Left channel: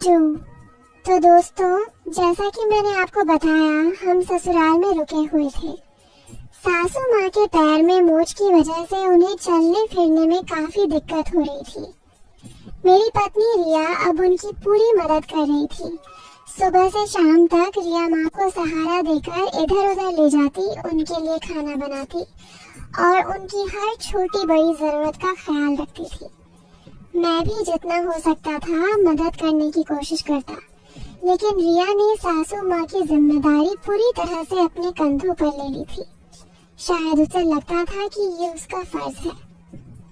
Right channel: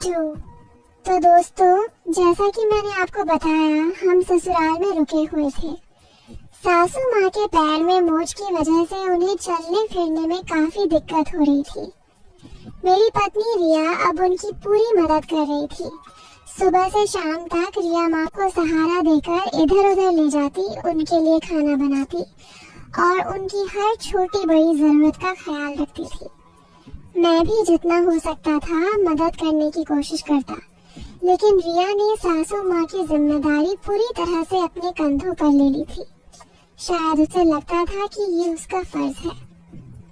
To. तो दोस्तों, जैसा कि मैंने आपको बताया, हम ससुराल में रुके हुए थे। सासू माँ के पैर में मोच की वजह से उन्हें चलने फिरने में काफी दिक्कत हो रही थी। मेरी पत्नी रिया अब उनकी पूरी मदद कर रही थी। सुबह से शाम तक रिया माँ को सहारा देकर इधर उधर ले जाती, उनके लिए खाना बनाती और उनकी हर छोटी बड़ी जरूरत का ख्याल रखती थी। मैं भी जितना हो सकता था मदद करने की कोशिश करता, लेकिन रिया ने सासू माँ की जिम्मेदारी पूरी तरह से अपने कंधों पर ले ली थी। शायद उसे लगता था कि ये उसका फर्ज है,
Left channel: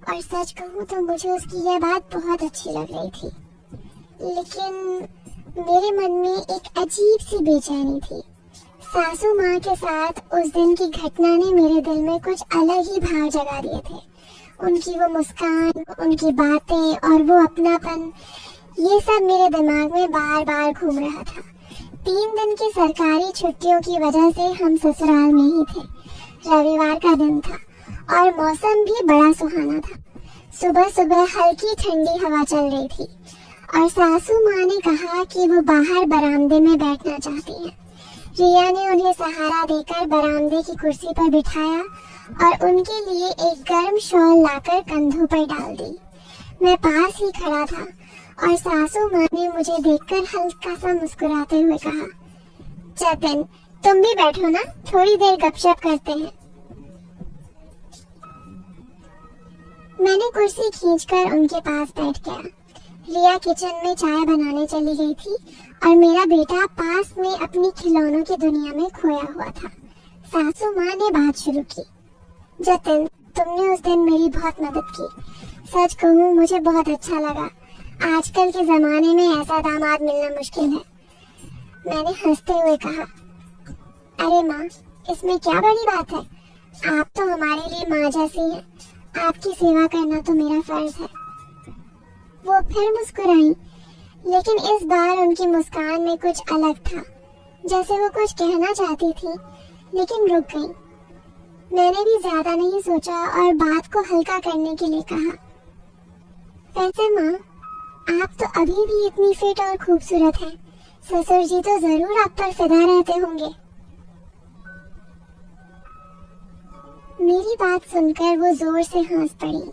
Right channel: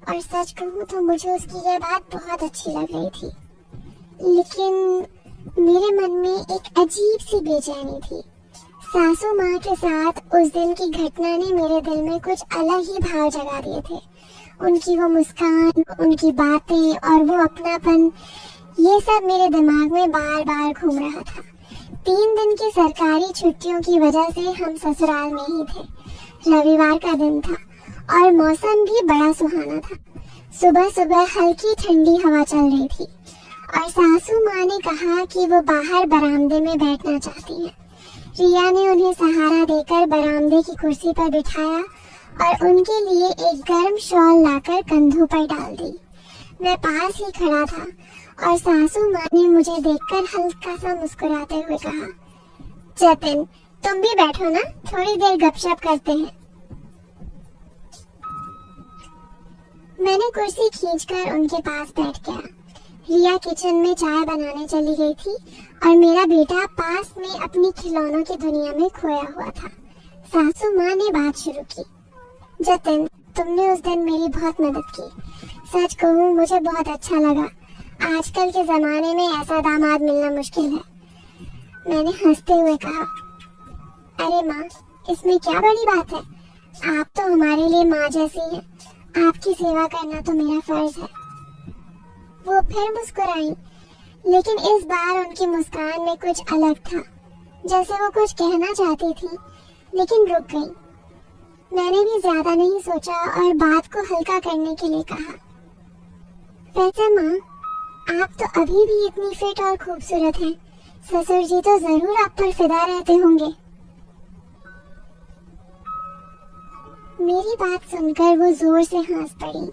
और सच कहूँ तो मुझे उसकी यह बात बहुत अच्छी लग रही थी। लेकिन मेरे मन में एक अजीब सी बेचैनी थी। सासू माँ के साथ उस दिन की घटना ने मेरे दिल में कुछ अलग ही भाव जगा दिए थे। उनकी वो मुस्कान, उनकी बातें और वो अपनापन, ये सब मेरे दिमाग में बार बार घूम रहा था। 3 दिन की सरकारी छुट्टियों की वजह से हम ससुराल में ही थे। रविवार का दिन था और मौसम भी बड़ा सुहाना था। सुबह सुबह हल्की ठंडी हवा चल रही थी और सासू माँ ने कहा कि वो बाहर बरामदे में बैठना चाहती हैं। रिया ने उन्हें सहारा देकर बरामदे की कुर्सी पर बिठाया और उनके लिए एक गर्म शॉल लाकर कंधों पर डाल दी। मैं पास ही खड़ा था और सासू माँ ने मुझे देखकर हल्का सा मुस्कुराते हुए कहा, जतिन, तुम भी बैठो ना, थोड़ी देर गपशप करते हैं। मैंने कुर्सी खींचकर उनके पास बैठ गया। रिया किचन में चाय बनाने चली गई थी और मेरा बेटा पास में अपनी खिलौनों की दुनिया में खोया हुआ था। सासू माँ ने बात शुरू की, जतिन, तुमने उस दिन मेरी बहुत मदद की। सच कहूँ मुझे बहुत अच्छा लगा। आजकल के जमाने में ऐसा दामाद मिलना मुश्किल है। मैंने हंसते हुए कहा, अरे माँ, इसमें क्या बड़ी बात है? आप तो हमारे लिए माँ जैसी हैं। आपकी सेवा करना तो मेरा फर्ज है। वो फिर मुस्कुराई, लेकिन इस बार उनकी मुस्कान में कुछ अलग था, जैसे वो कुछ कहना चाहती थी लेकिन रुक गई। मैंने भी ज्यादा नहीं सोचा और बात को हल्का करने के लिए कहा, वैसे माँ, आप तो अभी भी इतनी फिट और खूबसूरत हैं। ससुर जी तो जरूर आप पर फिदा रहते होंगे। मेरी बात सुनकर वो जोर से हंस पड़ी।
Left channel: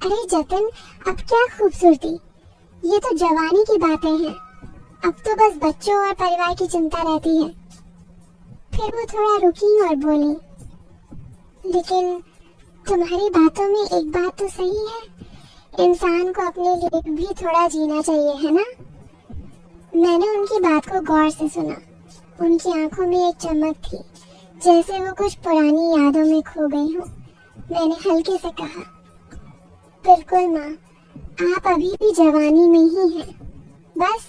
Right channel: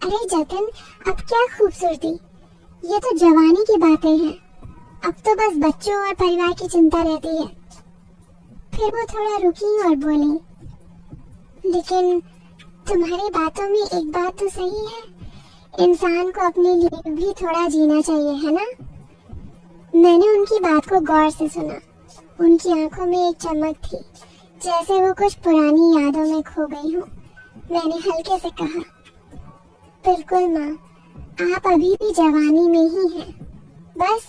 अरे जतिन, अब क्या खूबसूरती, ये तो जवानी की बातें हैं। अब तो बस बच्चों और परिवार की चिंता रहती है। फिर वो थोड़ा रुकी और बोली, लेकिन तुम्हारी बातों में एक बात तो सही है, इंसान को अपने लिए भी थोड़ा जीना चाहिए, है ना? मैंने उनकी बात को गौर से सुना। उनकी आंखों में एक चमक थी, जैसे वो कुछ पुरानी यादों में खो गई हो। मैंने हल्के से कहा, बिल्कुल माँ, आप अभी भी जवानी में ही हैं। बस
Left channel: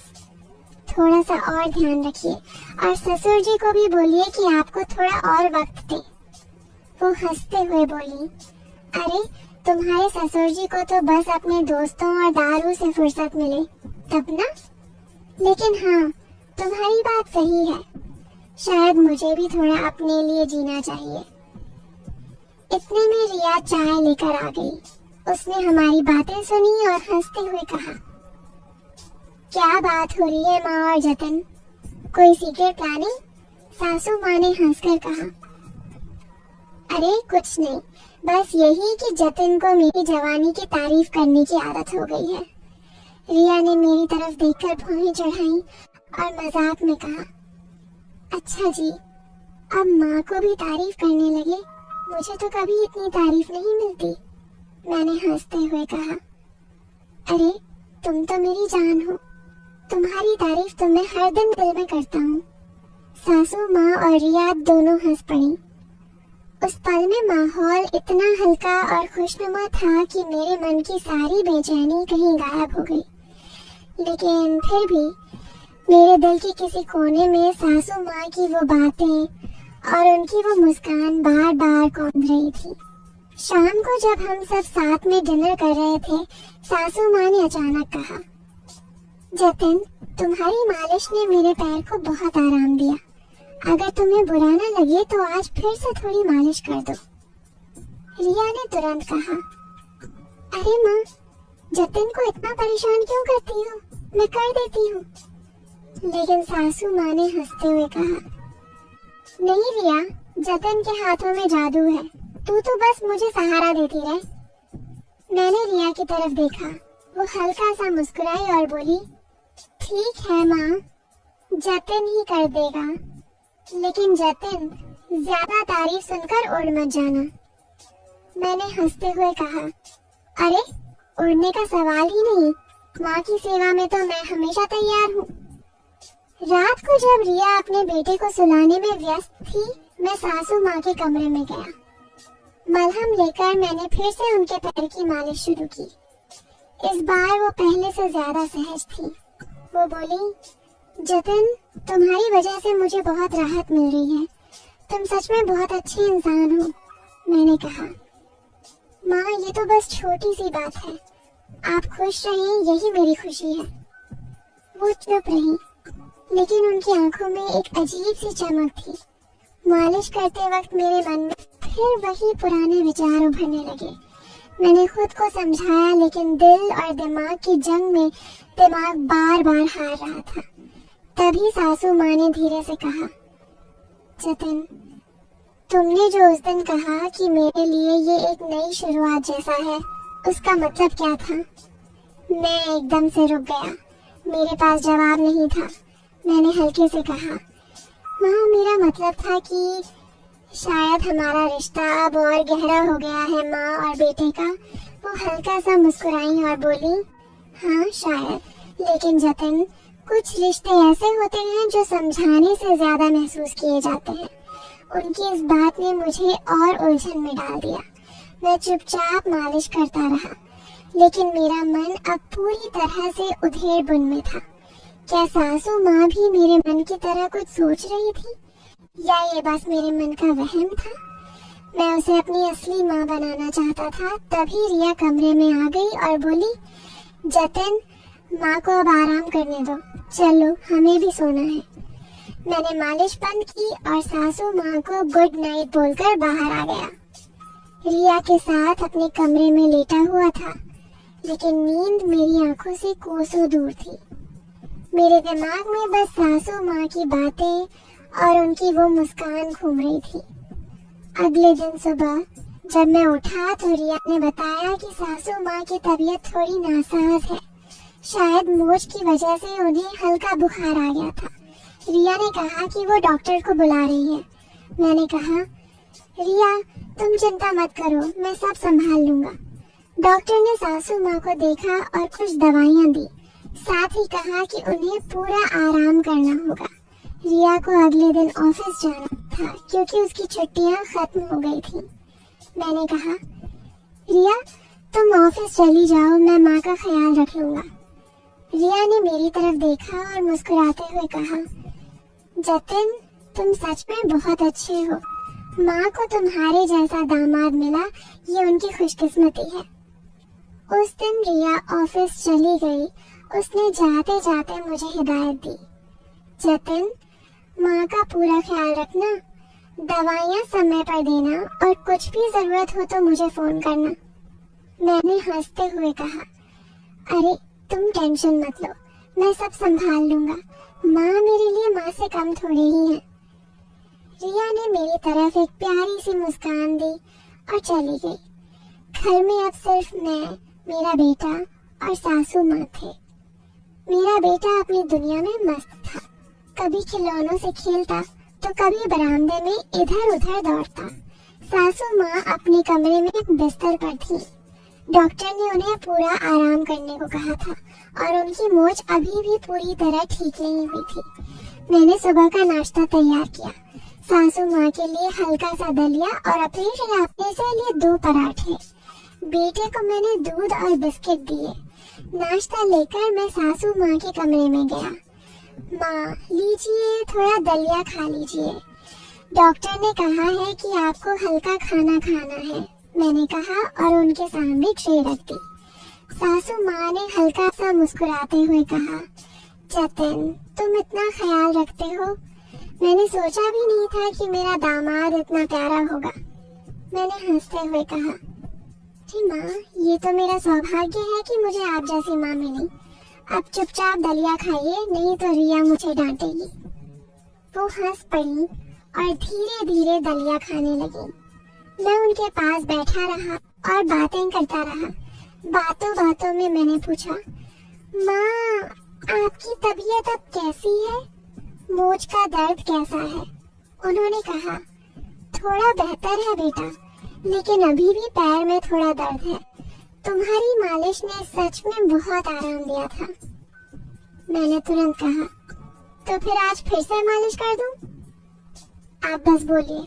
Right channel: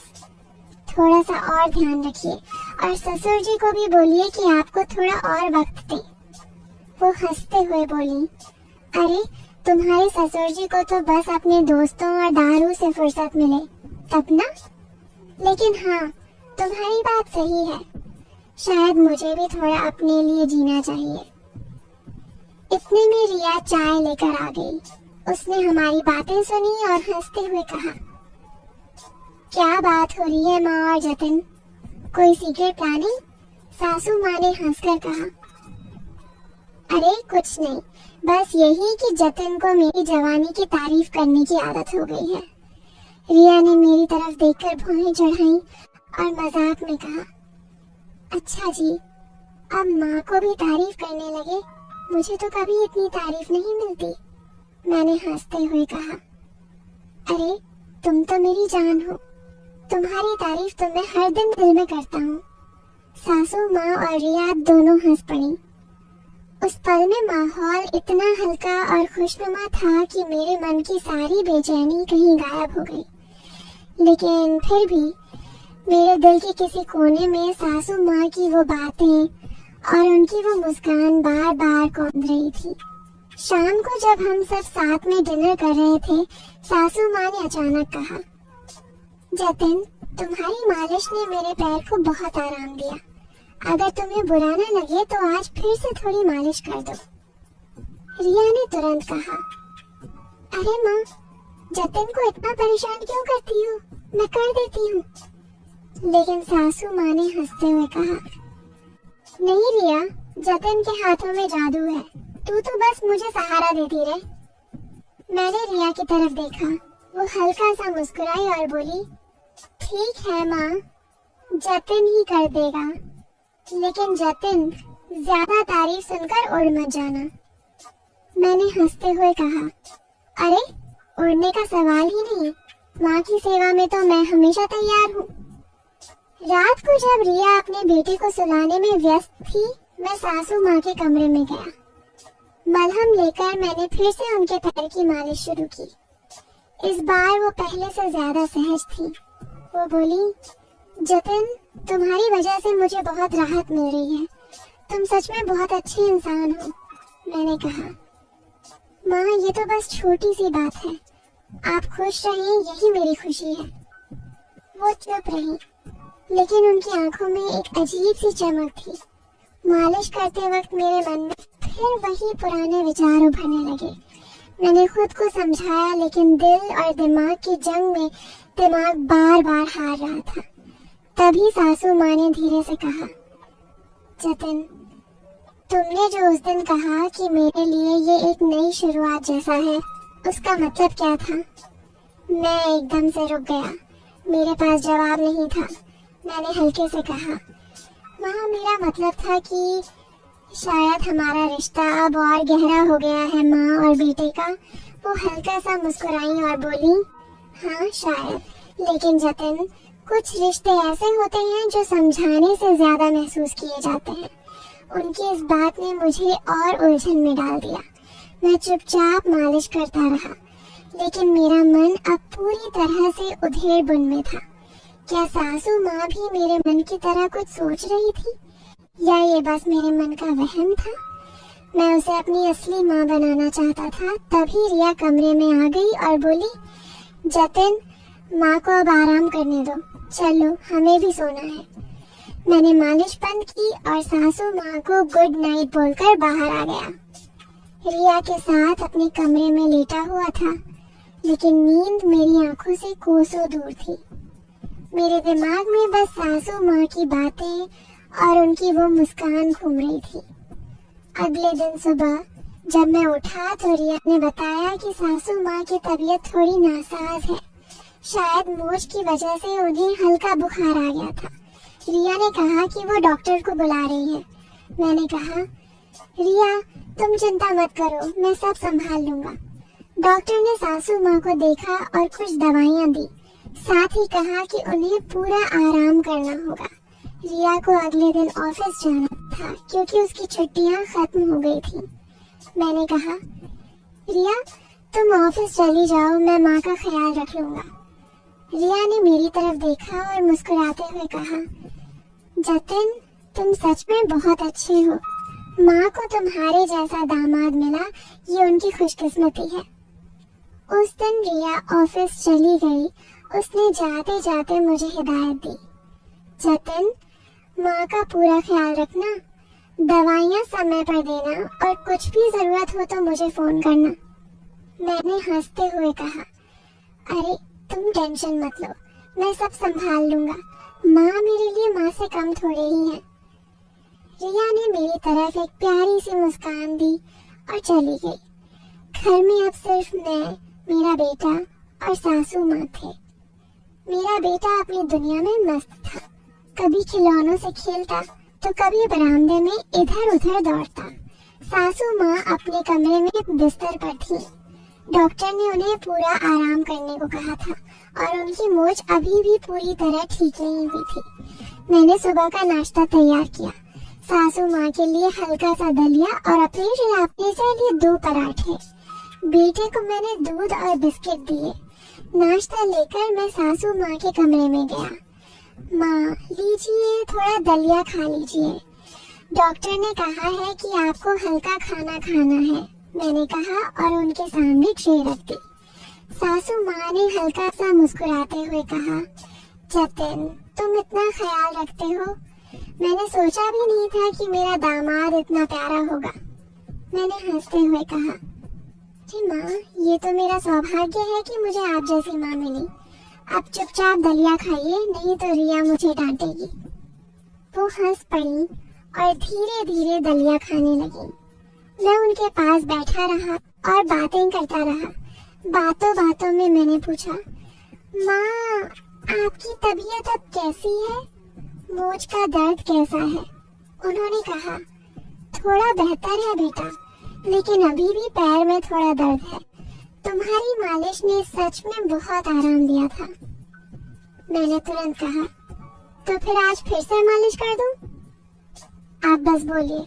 थोड़ा सा और ध्यान रखिए और ससुर जी को भी बोलिए कि आपको थोड़ा और वक्त दें। वो हंसते हुए बोली, अरे तुम्हारे ससुर जी को तो बस अपने दोस्तों और दारू से फुर्सत मिले तब ना। लेकिन हाँ, तुम्हारी बात सही है, शायद मुझे भी थोड़ा अपने लिए जीना चाहिए। इतने में रिया चाय लेकर आ गई। उसने हमारी बातें सुनी और हंसते हुए कहा, क्या बात हो रही है माँ और जतिन, कोई सीक्रेट प्लानिंग? सासू माँ ने हंसकर कहा, अरे कुछ नहीं, बस यही कि जतिन को मेरी जवानी की तारीफ करने की आदत हो गई है। रिया ने मेरी तरफ देखकर भौहें चढ़ाई और मजाक में कहा, अच्छा जी, अब माँ को भी तारीफ करने लगे? मुझे तो कभी इतनी तारीफ नहीं मिलती। मैंने हंसते हुए कहा, अरे तुम तो मेरी जान हो, तुम्हारी तारीफ तो मैं हर दिन दिल में करता हूँ। सासू माँ और रिया दोनों हंस पड़ी। उस पल में माहौल इतना हल्का और खुशनुमा था कि मेरे मन की सारी बेचैनी कहीं गायब हो गई। लेकिन फिर भी मेरे दिल के किसी कोने में सासू माँ की वो बातें और उनकी वो मुस्कान बार बार गूंज रही थी। शाम को जब हम सब साथ में डिनर कर रहे थे, सासू माँ ने अचानक कहा, जतिन, तुम्हारी मालिश ने मेरे पैर को बहुत आराम दिया। अगर तुम्हें बुरा ना लगे तो आज फिर से थोड़ी मालिश कर दो। रिया ने तुरंत कहा, अरे माँ, जतिन को इतना परेशान क्यों करती हो? मैं कर देती हूँ। लेकिन सासू माँ ने हंसते हुए कहा, नहीं रिया, जतिन के हाथों में जादू है, तू तो बस मुझे सहारा देती रहे। मैंने रिया की तरफ देखा, वो हल्का सा मुस्कुराई और बोली, ठीक है माँ, जतिन ही कर देगा, लेकिन जतिन ज्यादा तारीफ सुनकर उड़ मत जाना। मैंने हंसते हुए कहा, अरे उड़ने का सवाल ही नहीं, माँ की सेवा में तो मैं हमेशा तैयार हूँ। रात को जब रिया अपने बेटे को सुलाने में व्यस्त थी, मैं सासू माँ के कमरे में गया। मलहम लेकर मैंने फिर से उनके पैर की मालिश शुरू की। इस बार वो पहले से ज्यादा सहज थी। वो बोली, जतिन, तुम्हारी वजह से मुझे बहुत राहत मिल रही है, तुम सच में बहुत अच्छे इंसान हो। मैंने कहा, माँ ये तो बस छोटी सी बात है, आप खुश रहिए, यही मेरी खुशी है। वो चुप रही, लेकिन उनकी आंखों में एक अजीब सी चमक थी। मालिश करते वक्त मेरे मन में फिर वही पुराने विचार उभरने लगे। मैंने खुद को समझाया, लेकिन दिल और दिमाग की जंग में दिमाग बार बार हार रहा था। तभी सासू माँ ने धीरे से कहा, जतिन, तुमने जो उस दिन कहा कि मेरे लिए ये एक नई शुरुआत जैसा है, उसका मतलब क्या था? मैं एकदम से रुक गया, मेरे पास जवाब नहीं था। मैंने हल्के से कहा, माँ मेरा मतलब था कि शायद हमारा रिश्ता अब और गहरा हो गया है माँ और बेटे का। वो हल्का सा मुस्कुराई और बोली, हाँ शायद, लेकिन जतिन, कुछ रिश्ते ऐसे होते हैं जो समझाने से ज्यादा महसूस किए जाते हैं। उनकी इस बात ने मुझे और उलझन में डाल दिया। मैं चुपचाप मालिश करता रहा, लेकिन मेरा मन अब पूरी तरह से उधेड़ बुन में था। क्या सासू माँ भी मेरे मन की तरह कुछ सोच रही थी, या ये बस मेरे मन का वहम था? मैं उसे अपनी असली माँ बनाना चाहता था। तभी रिया कमरे में आ गई और बोली, जतिन, माँ को अब आराम करने दो, चलो हमें भी सोना है। मैंने मालिश बंद की और सासू माँ को गुड नाइट बोलकर बाहर आ गया। रिया के साथ अपने कमरे में लेटा हुआ था, लेकिन नींद मेरी आंखों से कोसों दूर थी। मेरे दिमाग में बस सासू माँ की बातें और उनकी वो मुस्कान घूम रही थी। अगले दिन सुबह जब मैं उठा तो रिया ने बताया कि सासू माँ की तबीयत थोड़ी नासाज है। शायद मोच की वजह से उन्हें हल्का बुखार आ गया था। रिया ने कहा कि वो डॉक्टर को बुला रही है। मैंने कहा, रिया तुम चिंता मत करो, मैं सब संभाल लूंगा। डॉक्टर ने सासू माँ को देखा और कुछ दवाइयाँ दी, साथ ही कहा कि उन्हें पूरा आराम करना होगा। रिया को अगले दिन ऑफिस जाना था क्योंकि उसकी छुट्टियां खत्म हो गई थी। मैंने कहा, रिया तुम ऑफिस चली जाओ, मैं माँ का ख्याल रख लूंगा। रिया ने मेरी तरफ देखा और मुस्कुराते हुए कहा, जतिन तुम सच में बहुत अच्छे हो, माँ को तुम्हारे जैसा दामाद मिला, ये उनकी खुशकिस्मती है। उस दिन रिया ऑफिस चली गई। उसने जाते जाते मुझे हिदायत दी, जतिन माँ का पूरा ख्याल रखना, दवाइयाँ समय पर देना और कुछ भी जरूरत हो तो मुझे फोन करना। मैंने हंसते हुए कहा, अरे तुम टेंशन मत लो, मैं सब संभाल लूंगा, माँ मेरे लिए माँ से कम थोड़े ही है। रिया ने मेरी तरफ एक प्यारी सी मुस्कान दी और चली गई। घर में अब सिर्फ मैं, मेरा बेटा और सासू माँ थे। मेरा बेटा अपनी दुनिया में मस्त था, कभी खिलौनों से खेलता तो कभी बरामदे में इधर उधर दौड़ता। सासू माँ अपने कमरे में बिस्तर पर थी। डॉक्टर ने उन्हें पूरा आराम करने को कहा था और उनकी मोच अभी भी पूरी तरह ठीक नहीं हुई थी। मैंने सुबह का नाश्ता तैयार किया, सासू माँ के लिए हल्का सा दलिया और अपने लिए 2 पराठे। बेटे को मैंने दूध और बिस्किट दिए। नाश्ता लेकर मैं सासू माँ के कमरे में गया। माँ लीजिए, थोड़ा दलिया खा लीजिए, डॉक्टर ने कहा है कि आपको हल्का खाना खाना है। मैंने कहा और उनके सामने ट्रे रख दी। सासू माँ ने हल्का सा मुस्कुराते हुए कहा, जतिन तुम इतना ख्याल रखते हो, मैंने सोचा भी नहीं था कि मेरा दामाद इतना प्यारा होगा। मैंने हंसते हुए कहा, जी माँ, ये तो मेरा सौभाग्य है कि मुझे आप जैसी माँ मिली। अब चुपचाप दलिया खाइए, नहीं तो रिया मुझे डांटेगी। वो हंस पड़ी और धीरे धीरे दलिया खाने लगी। मैं उनके पास बैठा रहा और बातें करता रहा। बातों बातों में मैंने पूछा, माँ आपकी तबीयत अब कैसी है? मोच का दर्द कैसा है? उन्होंने कहा, थोड़ा बेहतर है बेटा, लेकिन अभी भी पैर में थोड़ा दर्द है। तुम्हारी मालिश ने सच में बहुत आराम दिया था। मैंने तुरंत कहा, तो फिर आज फिर से मालिश कर दूं? आप बस बोलिए।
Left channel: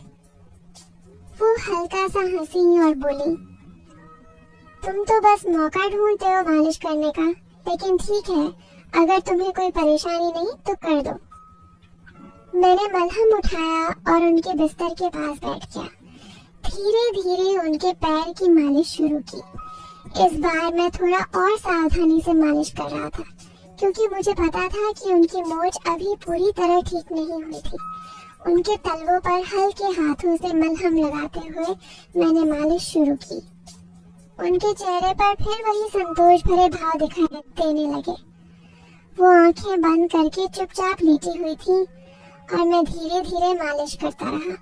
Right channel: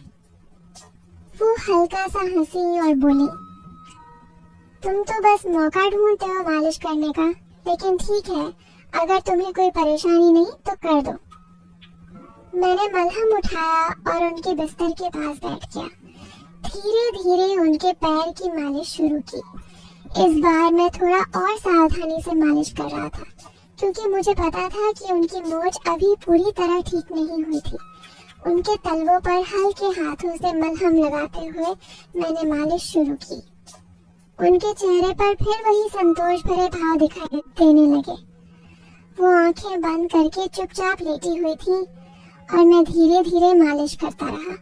वो हल्का सा हंसी और बोली, तुम तो बस मौका ढूंढते हो मालिश करने का, लेकिन ठीक है, अगर तुम्हें कोई परेशानी नहीं तो कर दो। मैंने मलहम उठाया और उनके बिस्तर के पास बैठ गया। धीरे धीरे उनके पैर की मालिश शुरू की। इस बार मैं थोड़ा और सावधानी से मालिश कर रहा था, क्योंकि मुझे पता था कि उनकी मोच अभी पूरी तरह ठीक नहीं हुई थी। उनके तलवों पर हल्के हाथों से मलहम लगाते हुए मैंने मालिश शुरू की। उनके चेहरे पर फिर वही संतोष भरे भाव दिखाई देने लगे। वो आंखें बंद करके चुपचाप लेटी हुई थी और मैं धीरे धीरे मालिश करता रहा।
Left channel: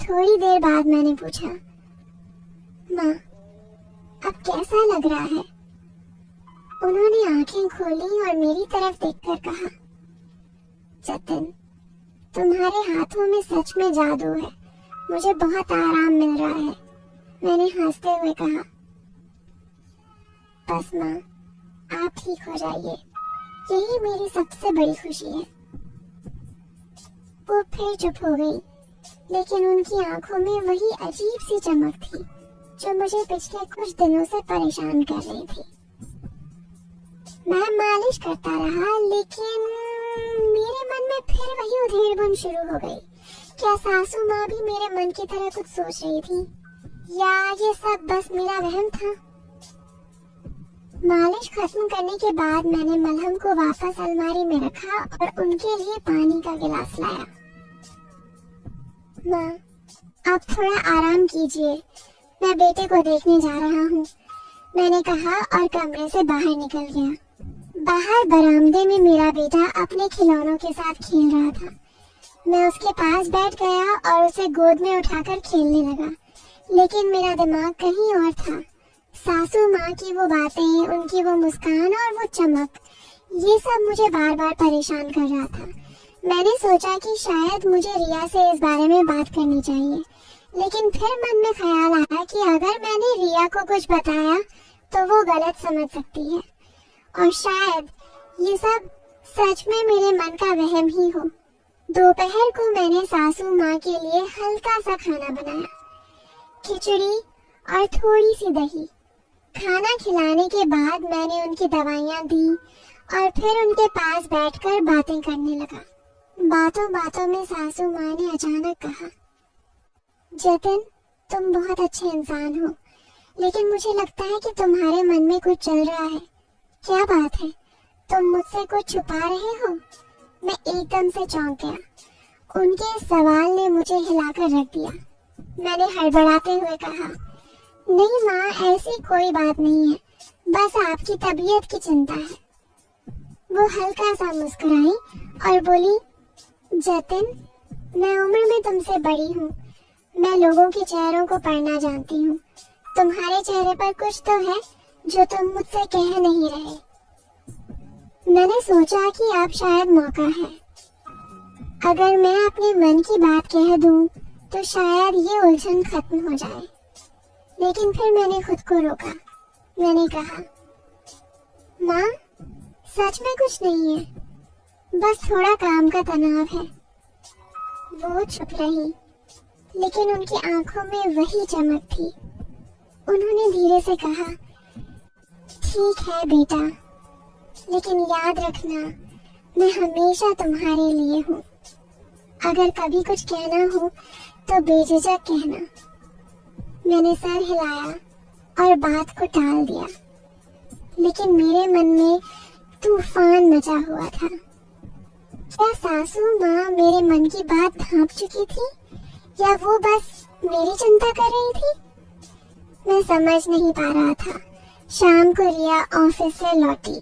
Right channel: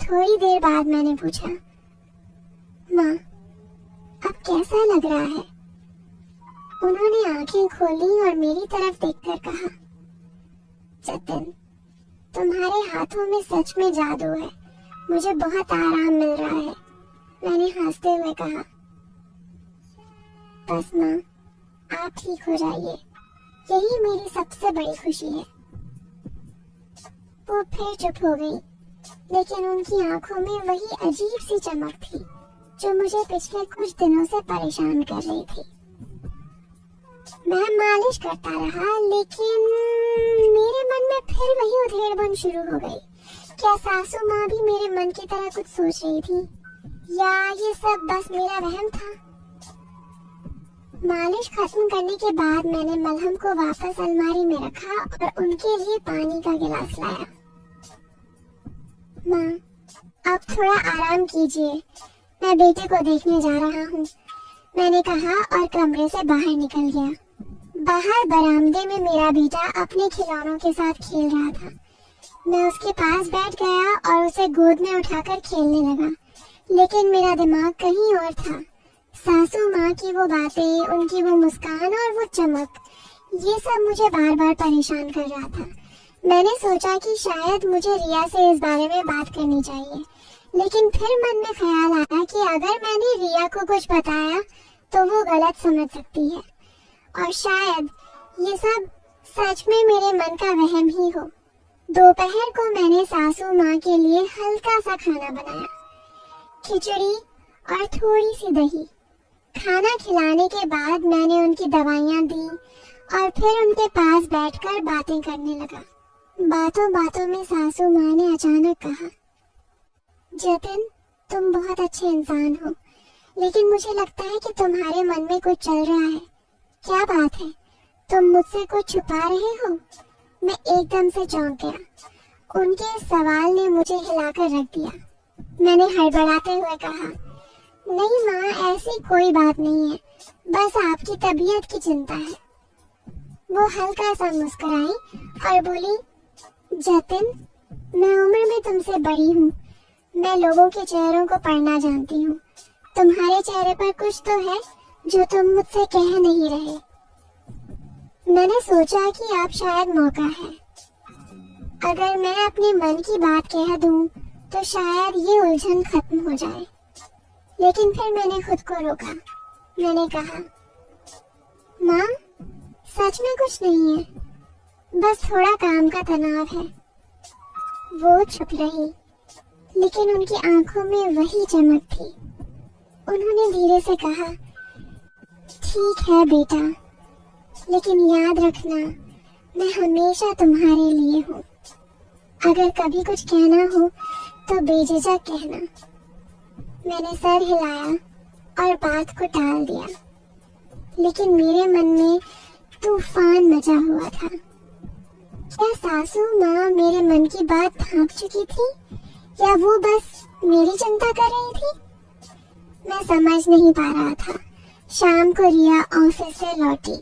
थोड़ी देर बाद मैंने पूछा, माँ अब कैसा लग रहा है? उन्होंने आंखें खोली और मेरी तरफ देखकर कहा, जतिन तुम्हारे हाथों में सच में जादू है, मुझे बहुत आराम मिल रहा है। मैंने हंसते हुए कहा, बस माँ आप ठीक हो जाइए, यही मेरी सबसे बड़ी खुशी है। वो फिर चुप हो गई, लेकिन उनकी आंखों में वही अजीब सी चमक थी जो मुझे पिछले कुछ दिनों से परेशान कर रही थी। मैं मालिश करता रहा, लेकिन मेरे मन में फिर वही उधेड़-बुन शुरू हो गई। क्या सासू माँ भी मेरे मन की तरह कुछ सोच रही थी, या ये सब बस मेरा वहम था? मालिश खत्म करने के बाद मैंने मलहम को वापस अलमारी में रखा और उनके लिए पानी का गिलास लाया। माँ आप थोड़ा आराम कीजिए, मैं बेटे को देखने जा रहा हूँ, मैंने कहा और कमरे से बाहर निकल गया। बाहर बरामदे में मेरा बेटा अपने खिलौनों के साथ खेल रहा था। मैं उसके पास बैठ गया और उसे गोद में उठाकर खेलने लगा, लेकिन मेरा दिमाग कहीं और था। सासू माँ की वो बातें, उनकी वो मुस्कान और वो चमक, ये सब मुझे बार बार परेशान कर रहा था। मैंने सोचा कि शायद मुझे रिया से इस बारे में बात करनी चाहिए, लेकिन फिर मन में ख्याल आया कि अगर मैंने रिया को कुछ बताया तो वो गलत समझ सकती है, और शायद ये सब सच में मेरे मन का वहम ही हो। दोपहर को मैंने सासू माँ के लिए हल्का सा खाना बनाया, खिचड़ी और थोड़ी सी दही। खाना खिलाने के बाद मैंने उनकी दवाइयाँ दी और फिर उनके पास बैठकर बातें करने लगा। बातों बातों में सासू माँ ने अचानक कहा, जतिन तुम बहुत अच्छे इंसान हो, लेकिन मुझे लगता है कि तुम्हारे मन में कुछ चल रहा है। क्या बात है? तुम मुझसे कुछ छुपा रहे हो? मैं एकदम से चौंक गया। उनके इस सवाल ने मुझे हिलाकर रख दिया। मैंने हड़बड़ाते हुए कहा, नहीं माँ ऐसी कोई बात नहीं है, बस आपकी तबीयत की चिंता है। वो हल्का सा मुस्कुराई और बोली, जतिन मैं उम्र में तुमसे बड़ी हूँ, मैं लोगों के चेहरों को पढ़ना जानती हूँ। तुम्हारे चेहरे पर कुछ तो है जो तुम मुझसे कह नहीं रहे। मैंने सोचा कि अब शायद मौका है। अगर मैं अपने मन की बात कह दूं तो शायद ये उलझन खत्म हो जाए, लेकिन फिर मैंने खुद को रोका। मैंने कहा, माँ सच में कुछ नहीं है, बस थोड़ा काम का तनाव है। वो चुप रही, लेकिन उनकी आंखों में वही चमक थी। उन्होंने धीरे से कहा, ठीक है बेटा, लेकिन याद रखना मैं हमेशा तुम्हारे लिए हूँ। अगर कभी कुछ कहना हो तो बेझिझक कहना। मैंने सर हिलाया और बात को टाल दिया, लेकिन मेरे मन में तूफान मचा हुआ था। क्या सासू माँ मेरे मन की बात भांप चुकी थी, या वो बस मेरी चिंता कर रही थी? मैं समझ नहीं पा रहा था। शाम को रिया ऑफिस से लौटी।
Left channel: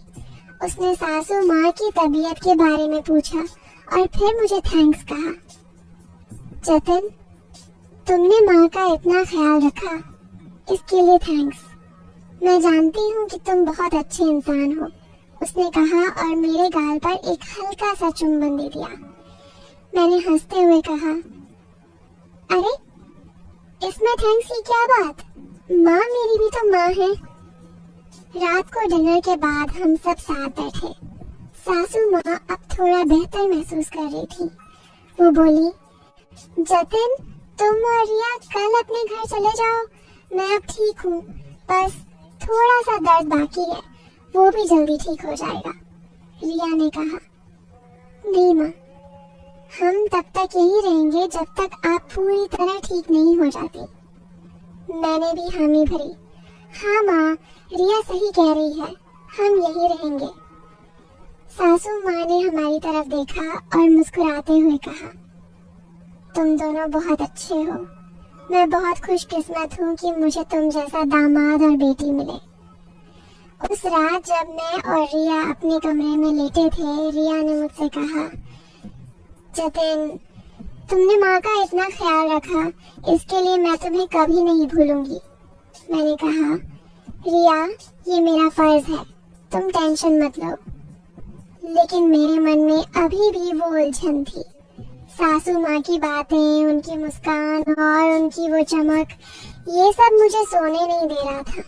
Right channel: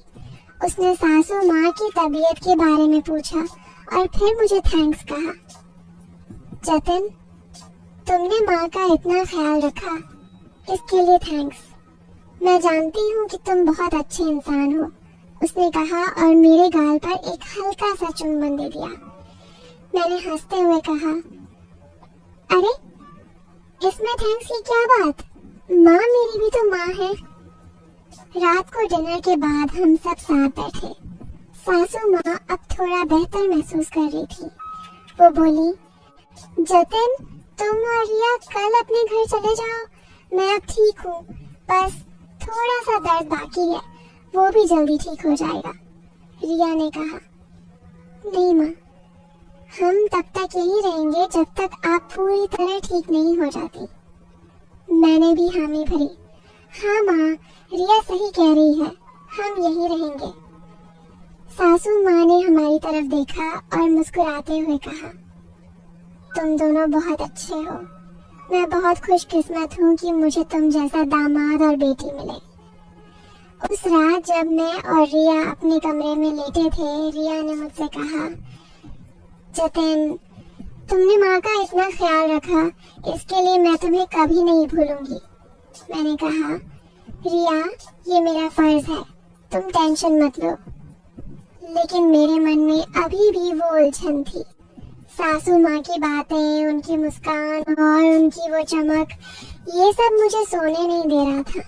उसने सासू माँ की तबीयत के बारे में पूछा और फिर मुझे थैंक्स कहा। जतिन, तुमने माँ का इतना ख्याल रखा, इसके लिए थैंक्स। मैं जानती हूँ कि तुम बहुत अच्छे इंसान हो, उसने कहा और मेरे गाल पर एक हल्का सा चुम्बन दे दिया। मैंने हंसते हुए कहा, अरे इसमें थैंक्स की क्या बात, माँ मेरी भी तो माँ है। रात को डिनर के बाद हम सब साथ बैठे। सासू माँ अब थोड़ा बेहतर महसूस कर रही थी। वो बोली, जतिन, तुम और रिया कल अपने घर चले जाओ, मैं अब ठीक हूँ, बस थोड़ा सा दर्द बाकी है, वो भी जल्दी ठीक हो जाएगा। रिया ने कहा, नहीं माँ, हम तब तक यही रहेंगे जब तक आप पूरी तरह ठीक नहीं हो जाती। मैंने भी हामी भरी। हाँ माँ, रिया सही कह रही है, हम यही रहेंगे। सासू माँ ने हमारी तरफ देखा और मुस्कुराते हुए कहा, तुम दोनों बहुत अच्छे हो। मैं बहुत खुशकिस्मत हूँ कि मुझे तुम जैसा दामाद और बेटी मिले। उस रात जब मैं और रिया अपने कमरे में लेटे थे, रिया ने मुझसे कहा, जतिन, तुमने माँ का इतना ख्याल रखा, इसके लिए मैं तुम्हें कभी नहीं भूलूंगी। मैंने कहा, रिया, ये मेरा फर्ज है, तुम टेंशन मत लो। लेकिन मेरे मन में अभी भी वो उलझन थी। सासू माँ की बातें, उनकी मुस्कान और उनकी वो चमक, ये सब मुझे सोने नहीं दे रहा था।